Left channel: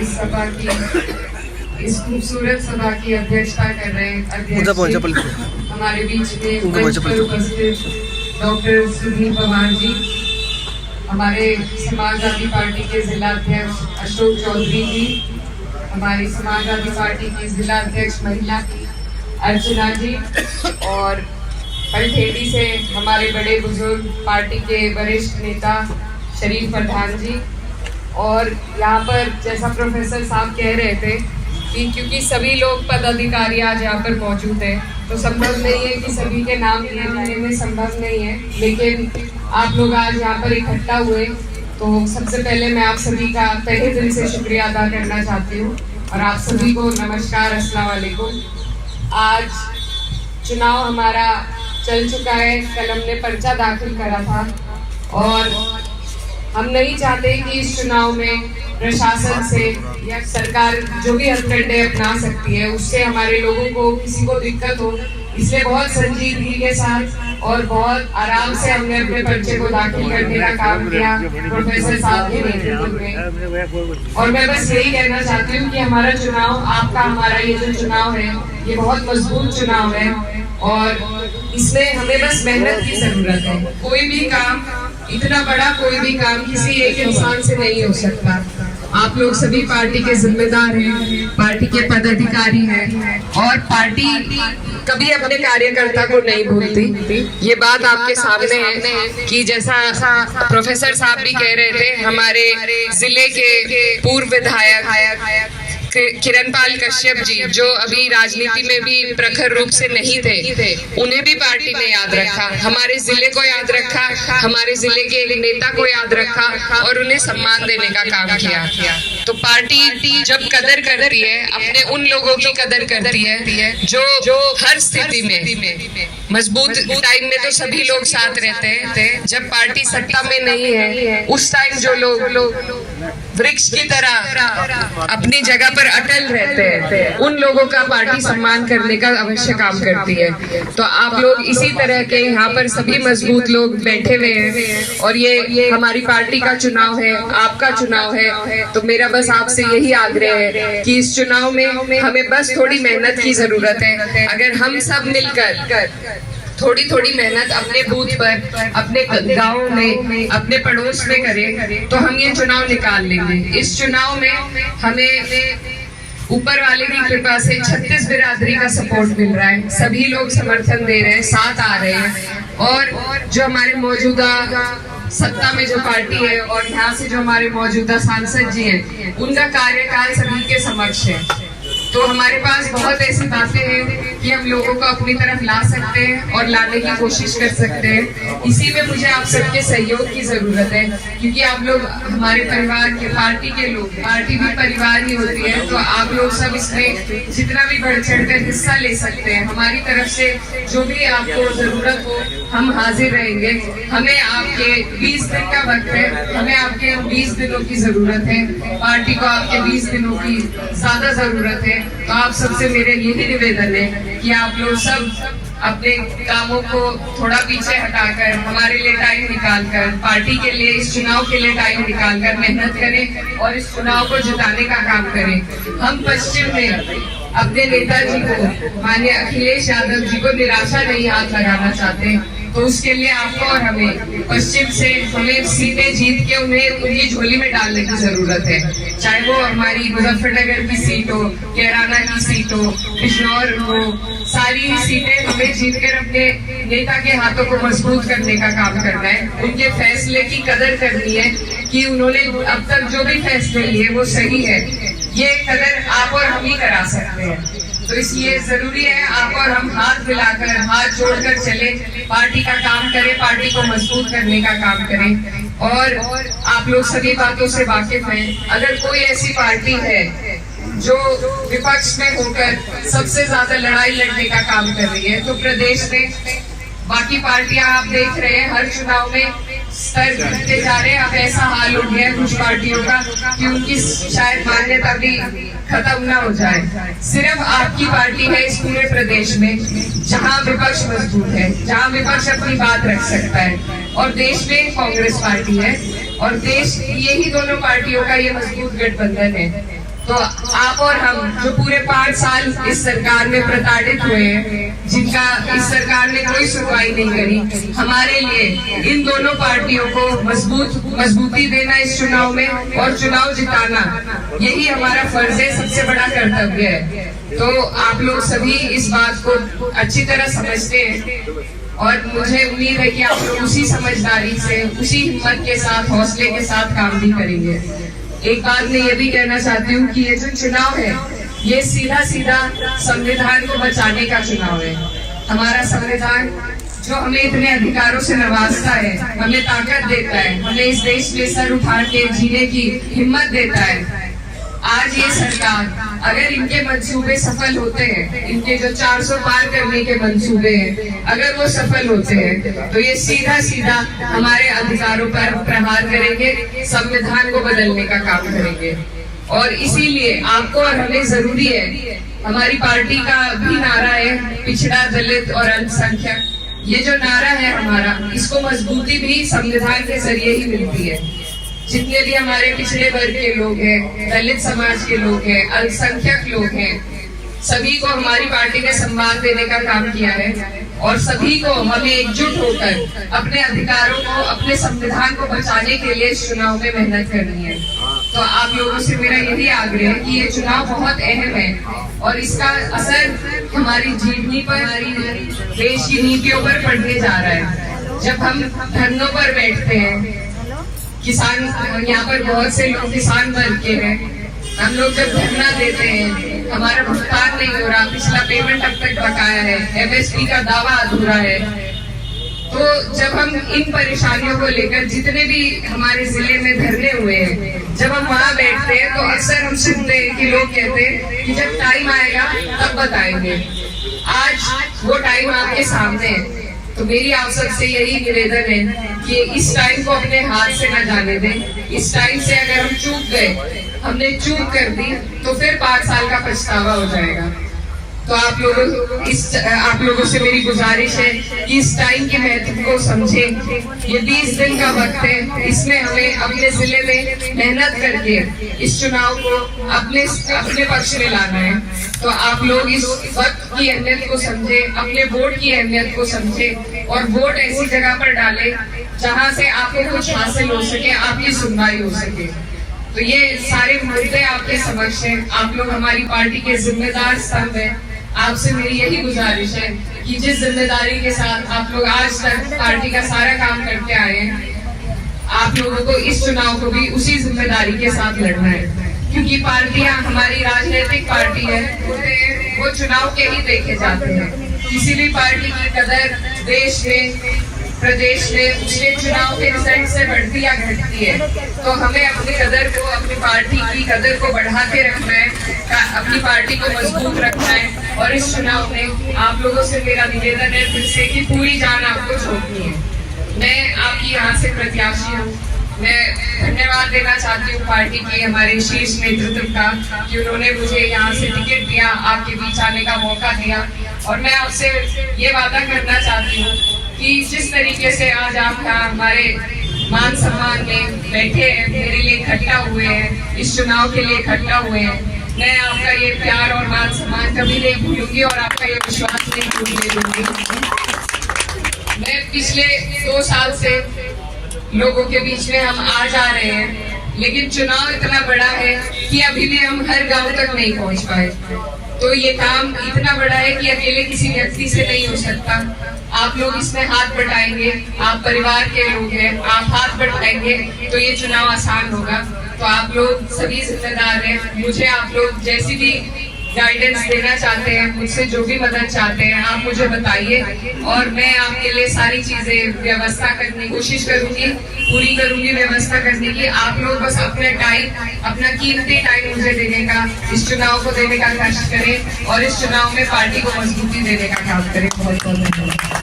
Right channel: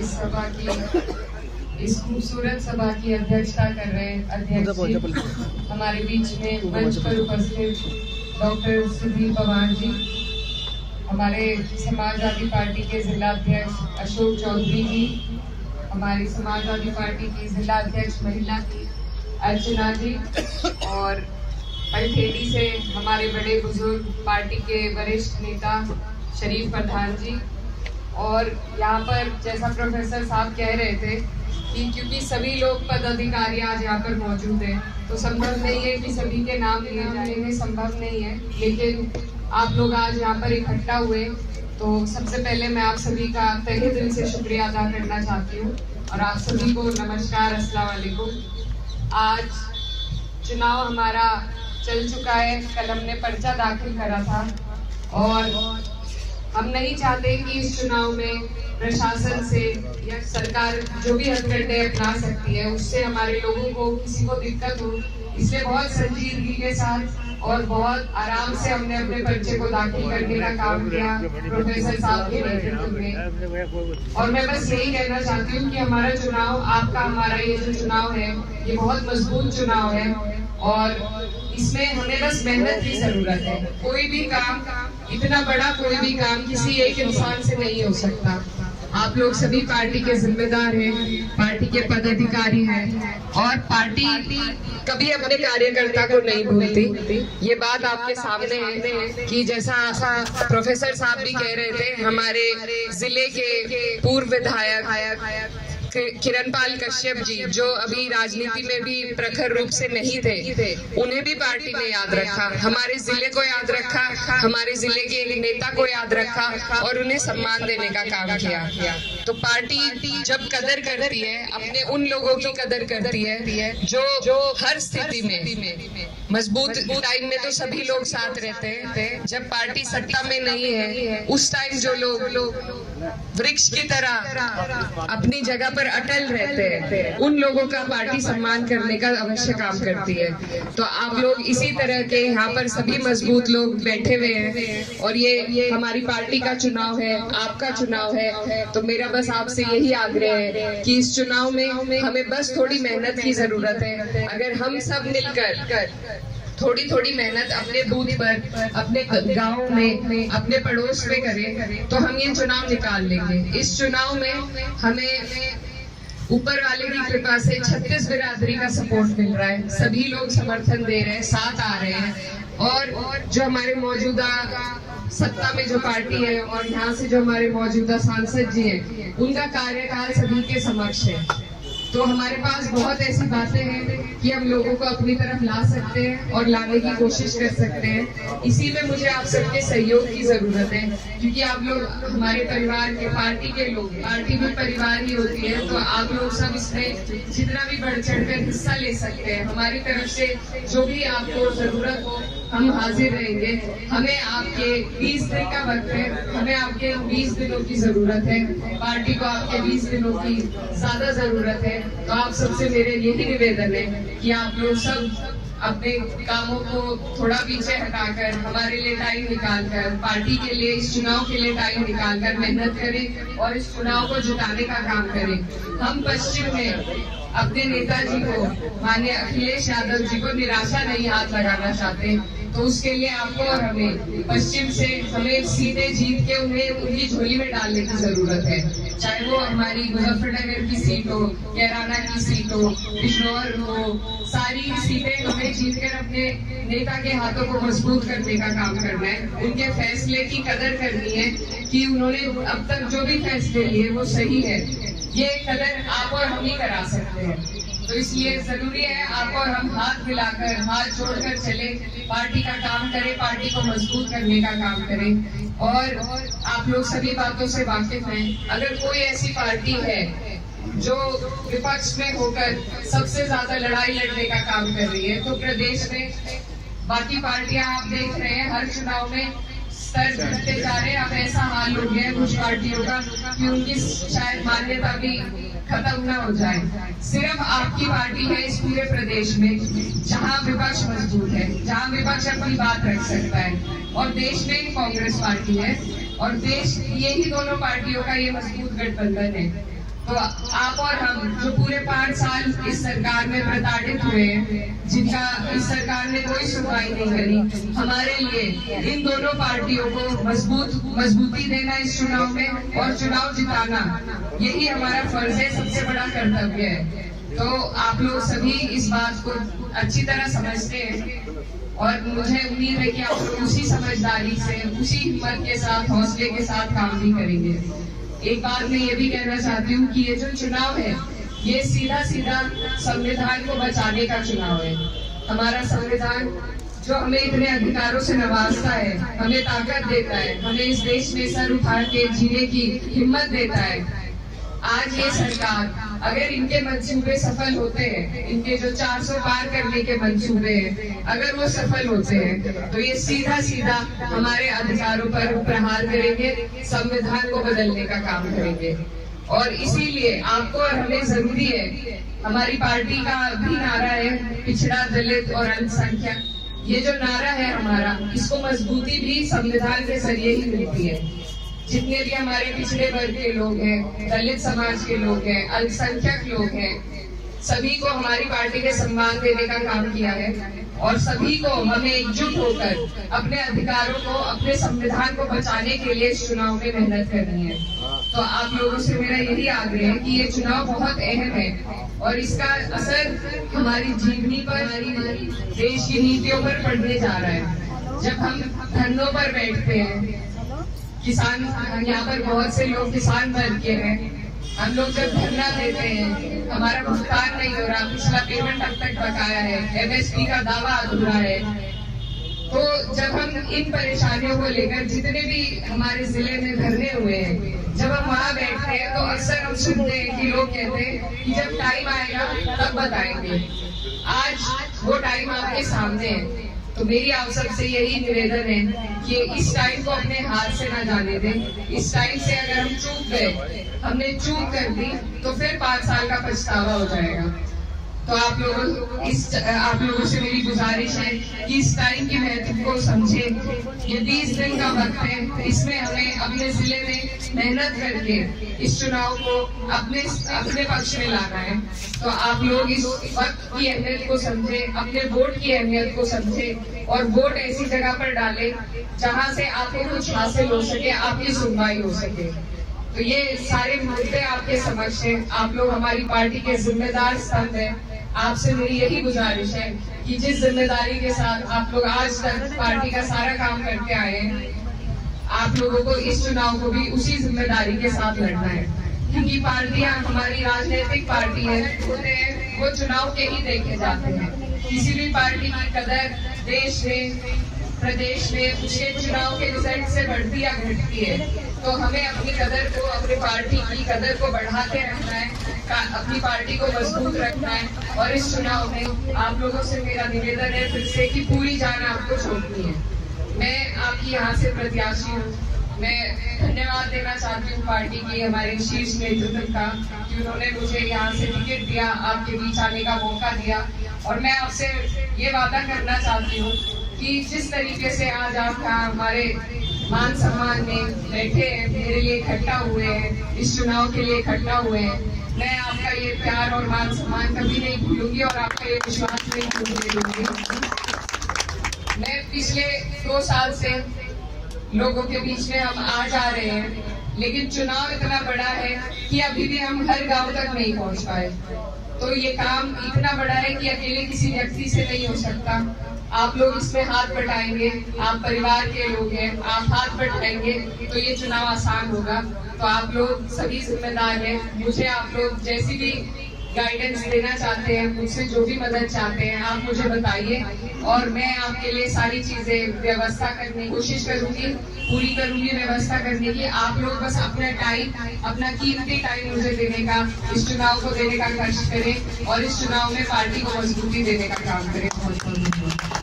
इस सभा की, इस खूबसूरत सभा की अध्यक्षता कर रहे अध्यक्ष हमारे बीच में मंच पर उपस्थित डॉक्टर सुधीर पवार जी, हमारे समाजवादी पार्टी के जिला अध्यक्ष अशोक चौधरी जी, हमारी समाजवादी पार्टी की जिला अध्यक्ष महिला अर्चना जी, और कलठेड़ी से हमारे बड़े बुजुर्ग पार्टी के वरिष्ठ नेता शरीफ प्रधान जी। और यहाँ पर जैसा प्रोफेसर साहब कह रहे थे कि क्योंकि सभी लोग पदाधिकारी आज यहाँ पर मौजूद हैं, तो संभव नहीं है कि सभी के नाम लिए जाने में संभव नहीं है, लेकिन आप लोग आज यहाँ पर इकट्ठा हुए तो सबसे पहले मैं आप सभी का तहे दिल से शुक्रिया अदा करना चाहती हूँ और आप सभी को नमस्कार, अस्सलाम वालेकुम। आज चुनाव हमारा चल चुका है, कल हमने पर्चा दाखिल करा था और हम नहीं चाहते कि इस चुनाव में प्रशासन से या सरकार जो भी हथकंडे अपना सकती है उससे हमारे लोगों को किसी को दिक्कत हो, इसलिए बहुत संजीदगी के साथ और बहुत आराम से हमने अपने पर्चे को दाखिल करने का काम किया प्रोफेसर साहब के नेतृत्व में। और मैं बस यही कहना चाहती हूँ कि हमारा चुनाव, आपका हमारा ये जो चुनाव है, ये बहुत मजबूत चुनाव है और इसमें हमें बस मेहनत की जरूरत है। कोई भी काम, इतना बड़ा कोई भी काम किसी एक इंसान से नहीं हो सकता। आप लोग सभी पार्टी के जिम्मेदार हैं, पार्टी के पदाधिकारी हैं और पार्टी कभी अपने कार्यकर्ता को नहीं भूलती। ये बात आपके सामने है कि जैसा प्रोफेसर साहब भी कह रहे थे, हमारे जिले के पूर्व विधायक किरणपाल कश्यप जी, जो अभी राजनीति में भी प्रखर रूप से नहीं थे, उन्हें भी पार्टी ने याद रखा, हमारे जिले को याद रखा, हमारे जिले के एक नेता को याद रखा और उन्हें सम्मान देने का काम किया। तो पार्टी जब कदर करती है, अपने उन लोगों की कदर करती है जो हर स्थिति में, मजबूत टाइम में तो सभी लोग साथ रहते हैं, जब पार्टी सत्ता में नहीं है उस टाइम जो लोग वृक्ष की तरह अपनी जगह पर अटल रहते हैं, उन लोगों का पार्टी सम्मान करने का अवश्य काम करती है। तो आप लोग इसी तरह के यहाँ पर सभी मजबूत लोग बैठे हुए हैं और ये हमारी पार्टी का चुनाव है, आपका चुनाव है। तो मेरा बस आपसे यही आग्रह है कि इस चुनाव में हमें बस थोड़ी मेहनत की जरूरत है। अगर हम सब मिलकर थोड़ी थोड़ी मेहनत अपने बूथ पर, अपने गाँव में, अपने पड़ोस में करें तो हम ये चुनाव निकाल लेंगे। इस चुनाव में हमें ऊपर वाले की कृपा से 36 बिरादरी का सपोर्ट मिल रहा है, सभी लोग समर्थन दे रहे हैं, साथ आ रहे हैं और जो हमारे मौजूदा सत्ता में जो पार्टी है और यहाँ से जो हमारे मौजूदा सांसद जी हैं, उनका कार्यकाल सभी के समक्ष है। तो हमारे पास बहुत ऐसी बातें हैं कि हम लोगों को अपनी तरफ ला सकते हैं और लाने की कोशिश कर सकते हैं। इसी में मुझे आप सबके सहयोग की जरूरत है, क्योंकि आप लोग हमारे परिवार के, पार्टी के लोग, पार्टी भी परिवार ही होती है, तो आप लोग सब इसमें जितना भी बढ़ चढ़ कर हिस्सा ले सकते हैं। हमारी तरफ से जो भी आपको जरूरत हो हम हाजिर रहेंगे। हमें आपके 20 दिन का वक्त है, हमें आपके 20 दिनों की जरूरत है, पार्टी को आपके 20 दिनों की ज्यादा जरूरत है। तो आप सबसे मेरे यही निवेदन है कि आप लोग सब अपने कामों को थोड़ा पीछे हटाकर हमारे लिए टाइम निकालकर, पार्टी के लिए, इस चुनाव के लिए टाइम निकालकर मेहनत करें और इस चुनाव को जिताने का काम करें। हम पश्चिम में अपने नेताजी को, माननीय अखिलेश यादव जी को निराशा नहीं हाथ लगाना चाहते, तो उसके लिए आपको और हमें पश्चिम से हमें सीटें जीत के उन्हें उनकी झोली में डालने की जरूरत है। चाहे वो हमारी मुजफ्फरनगर की सीट हो, कैराना की सीट हो, बिजनौर हो, सारी सीटें हमें जीतकर अपने नेता के हाथों को मजबूत करने का काम करना है। उनके फैसले की कदर करनी है कि उन्होंने अब तक जो भी फैसले लिए वो सही है, ये कदर आप और हम ही करा सकते हैं। तो इसलिए जरूरी है आप और हम हाथ मिलाकर, हाथ जोड़कर चले, पार्टी का काम करें, पार्टी को मजबूत करने का काम करें। और आप लोग सभी बातों से वाकिफ हैं, अगर कोई ऐसी पार्टी है जो विपक्ष में होकर सबसे ज्यादा लड़ाई लड़ने का काम कर रही है, तो प्रदेश में बाकी पार्टियां आप देख रहे हैं हर चुनाव में स्तर घटते जा रहे हैं। अब ऐसा हाल हो गया है कुछ पार्टियों का कि उनकी शायद मान्यता भी खत्म ना हो जाए। सिर्फ आपकी पार्टी है इस पूरे प्रदेश में जहां विपक्ष मजबूत है, जहां विपक्ष अपनी बात रख सकता है, और देश में कांग्रेस पार्टी है और देश, यही दोनों पार्टियों का ये मजबूत गठबंधन है। तो आप और हम जो पूरे 5 साल इस सरकार में प्रताड़ित हुए हैं, जिनका इस सरकार ने कोई सुनवाई नहीं करी, हमारे लिए इन दोनों पार्टियों को मजबूती देना इस चुनाव में और चुनाव जिताना, यही हमारा फर्ज है, सबसे बड़ा कर्तव्य है। तो आप लोग सभी इस बात को अच्छी तरह समझते हैं और मुझे उम्मीद है कि आप लोग उसी समझदारी से, उसी हिम्मत के साथ, हौसले के साथ काम भी करेंगे। एक बात मैं ये भी कहना चाहती हूँ कि ये जो चुनाव है, ये सीधा सीधा संविधान को बचाने का चुनाव है। हमारा संविधान जो हमें इतने अधिकारों से नवाजता है, हमें ताकत देता है, हमें इस देश में सर उठा के जीने की हिम्मत देता है। आज ये सरकार अगर इनके मंसूबे सफल होते हैं, इनके जो 400 पार करने के मंसूबे हैं, अगर वो सफल होते हैं, तो ये सीधा सीधा हमारे अधिकारों पर प्रहार करेंगे, संविधान को बदलने का काम करेंगे। और इसीलिए आपको और हमें जरूरी है, हमारी पार्टी का भी नारा है पिछड़ा, दलित और अल्पसंख्यक। ये जो नारा है हमारा, इसको मजबूती भी संविधान के जरिए ही मिलती है। जितने भी हमारे पिछड़े वर्ग के लोग हैं, दलित समाज के लोग हैं, अल्पसंख्यक लोग हैं, सभी को हमारी पार्टी ने सम्मान देने का काम किया है और सभी को हमें एकजुट होकर अपने अधिकारों को, अपने संविधान को बचाने के लिए इस चुनाव में मेहनत करनी है। तो आप लोगों से मेरा यही आग्रह है कि ये चुनाव बहुत अहम है और इसका असर हमारी जीवनी पर, हमारी देश की नीतियों पर पड़ने जा रहा है। जब हम धरनों पर बैठते हैं, किसान, यहाँ पर बहुत से लोग किसान वर्ग के हैं, हम लोग जब धरना देते हैं, हमारा भुगतान नहीं हो रहा, पिछला पेमेंट अब तक बकाया है, MSP का दावा अधूरा है, तो जब हम इन परेशानियों को लेकर जितने भी हमारे जिले में धरने हुए हैं, जब हम वहाँ बैठते हैं तो अक्सर हम सुनते हैं कि लोग कहते हैं कि जब टाइम आएगा तब बताएंगे। आज वो टाइम आपके सामने है। तो मेरी आप सबसे यही निवेदन है कि इस टाइम को अपने हाथ से न जाने दें। इस टाइम से अगर हम चूक गए, हमने चूक कर दी, तो फिर 5 साल का पछतावा हो जाएगा। तो आप लोगों से मेरी गुजारिश है कि इस टाइम के महत्व को समझें। ये 20 दिन का वक्त है, इसमें हमें अपने जिले में मेहनत करके इस चुनाव को अपने पक्ष में लाना है। तो आप लोग इस वक्त की अहमियत को समझें, अपने वोट की अहमियत को समझें और वोट ऐसी जगह पर डालें जहां से आपको कुछ हासिल हो सके, आपकी सुनवाई हो सके। तो ये सारे मुद्दे आपके समक्ष हैं। आप लोग हमारी पार्टी के जिम्मेदार स्तंभ हैं। आपसे मेरी यही गुजारिश है कि जिस जिम्मेदारी के साथ आप लोग आज तक पार्टी का सारा काम करके आए हैं, आप लोगों को इस चुनाव को भी उसी जिम्मेदारी के साथ लड़ना है। क्योंकि पार्टियां, हमारी राजनीतिक पार्टी है, वो चुनाव के ही देखे जाते हैं। किसी भी पार्टी की कदर देश में, प्रदेश में उसके चुनाव के रिजल्ट से बढ़ती या घटती है। तो हमें अपनी कदर को, अपनी पार्टी की कदर को बढ़ा के रखना है, अपनी पार्टी को मजबूत रखना है। और इस चुनाव में आप लोगों से मेरा निवेदन है फिर से कि पूरी जान आपको झोंकनी है। मैं आपकी यहाँ से प्रत्याशी हूँ। मैं धन्यवाद देना चाहती हूँ पार्टी की, हमारे शीर्ष नेतृत्व का, कि उन्होंने मुझे यहाँ से टिकट दिया, आपके बीच आने का मौका दिया। और मैं आपसे ये वादा करना चाहती हूँ कि जिस तरीके से आज आप हमारे मान सम्मान में बैठे हैं, मेरे लिए इकट्ठा हुए हैं, इस चुनाव के लिए इकट्ठा हुए हैं, मैं आपका ये प्यार और मान सम्मान कभी नहीं भूलूंगी और आपका ये विश्वास नहीं भूलने दूंगी। मैं पिछले 2 साल से लोगों के बीच में हम आ जा रहे हैं, लेकिन चुनाव इतना बड़ा है कि अभी भी हम हर गांव तक नहीं पहुंच पाए। तो ये काम इतना बड़ा है कि अकेले किसी व्यक्ति से नहीं हो सकता। आप लोग इसमें हाथ बटाएंगे, आप परिवार के लोग हैं, आप हाथ बटाएंगे तो ये चुनाव आसान होगा। तो आप लोग सभी जिम्मेदार हैं। मुझे आप लोग जैसी भी गाइडेंस देना चाहते हैं, मुझसे जो भी मदद चाहते हैं, आप मुझे बताइए और मैं आपके लिए सारी चीजें व्यवस्था करने की कोशिश करूंगी, पूरी करूंगी व्यवस्था करने की। आप लोग बस अपना टाइम, अपना कीमती टाइम मुझे देने का, इस चुनाव को देने का कष्ट करें और इस चुनाव में पार्टी को मजबूती देने का काम करें। बहुत बहुत धन्यवाद।